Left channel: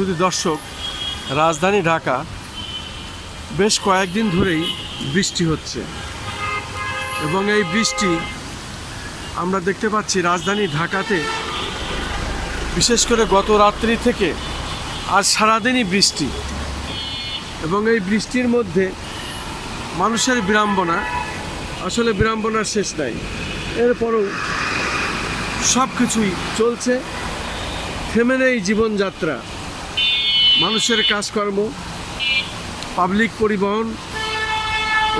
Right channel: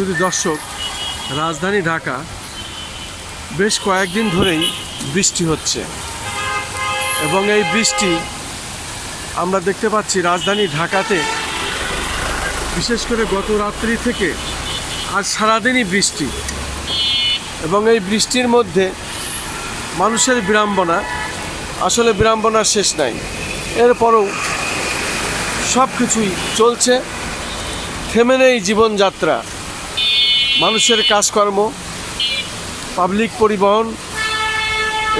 শুধু দর্শক, রাজধানী ঢাকা বেশ কয়েকদিন ধরেই বৃষ্টি হচ্ছে এবং এই বৃষ্টি আমরা দেখতে পাচ্ছি রাজধানী ঢাকাতে, বিশেষ করে গত রাত্রি থেকে আজ সারাদিনই বৃষ্টি। এবং এই বৃষ্টির মধ্যে মানুষের বিড়ম্বনা, আসলে বিড়ম্বনার শেষ নাই। এরপরেও সব কিছুই চলছে, থেমে নেই জীবনযাত্রা, মানুষের কাজকর্ম, পাবলিক পরিবহন,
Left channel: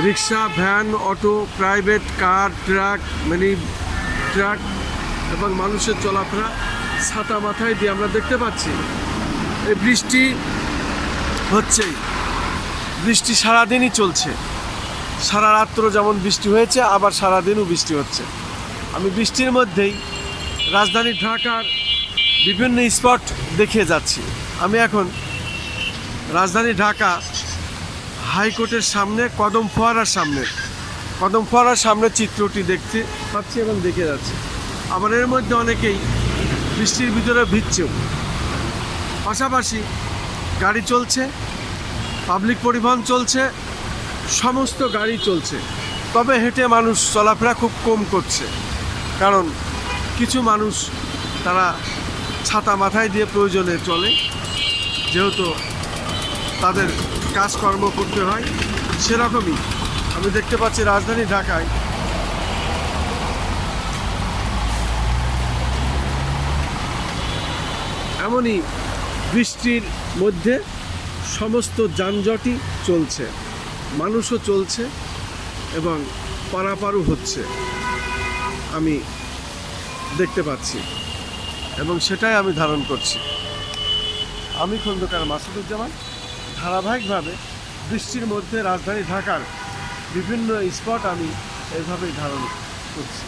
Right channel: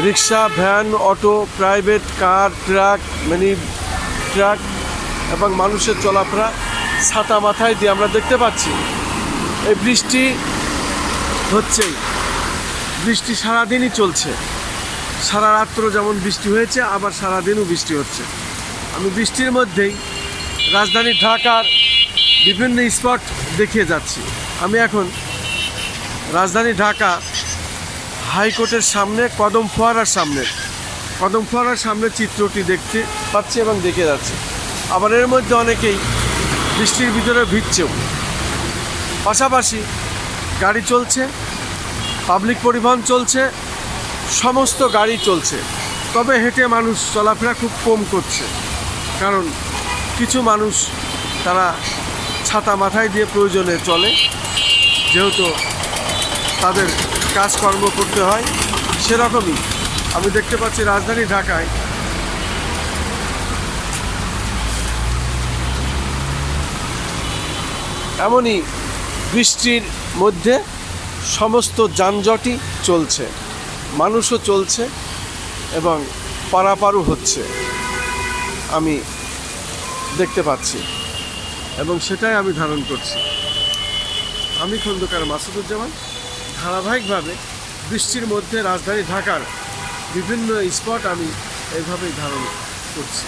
rickshaw, van, auto, private car, truck, mini truck এবং মানুষের চলাফেরা ছাতা মাথায় দিয়ে আমরা দেখতে পাচ্ছি। এই বৃষ্টি হচ্ছেই, বৃষ্টি সারাদিনই চলছে, সারা রাত্র যেমন বৃষ্টি হয়েছে, আবার সারাদিনও বৃষ্টি হচ্ছে। আমি বৃষ্টির মধ্যেই রাজধানী ঢাকার বিভিন্ন স্পট দেখিয়ে যাচ্ছি। আমি এখন রাজধানী ঢাকা হাইকোর্টের সামনে কদম ফোয়ারার সামনে চিত্রটি দেখতে পাচ্ছি এবং দেখে যাচ্ছি। আবার এর মধ্যে অনেকেই বৃষ্টির ভিতরে ভিজছেও। পাশাপাশি গাড়ি চলছে, পাবলিক পরিবহন চলছে, সমস্ত গাড়ি চলছে। তবে হেঁটে মানুষ চলাফেরা খুব কম করছে, কারণ কিছু মানুষ তারা ছাতা মাথায় দিয়ে প্রয়োজনে চলে, যেহেতু তাদের কাজকর্ম করতে হয়। সেরকমই আমি দেখতে পাচ্ছি রাজধানী ঢাকায় এমনই বৃষ্টির মধ্যে সমস্ত যানজটই চলছে, মানুষও চলছে এবং পারাপারও হচ্ছে, আমি দেখতে পাচ্ছি এবং সেটাই আমি ধারণ করছি। আমি খন্দকার মাসুদুজ্জামান ধারাবাহিকভাবে বৃষ্টির মধ্যে রাজধানী ঢাকার বিভিন্ন স্পট আমি এইভাবেই ধারণ করছি।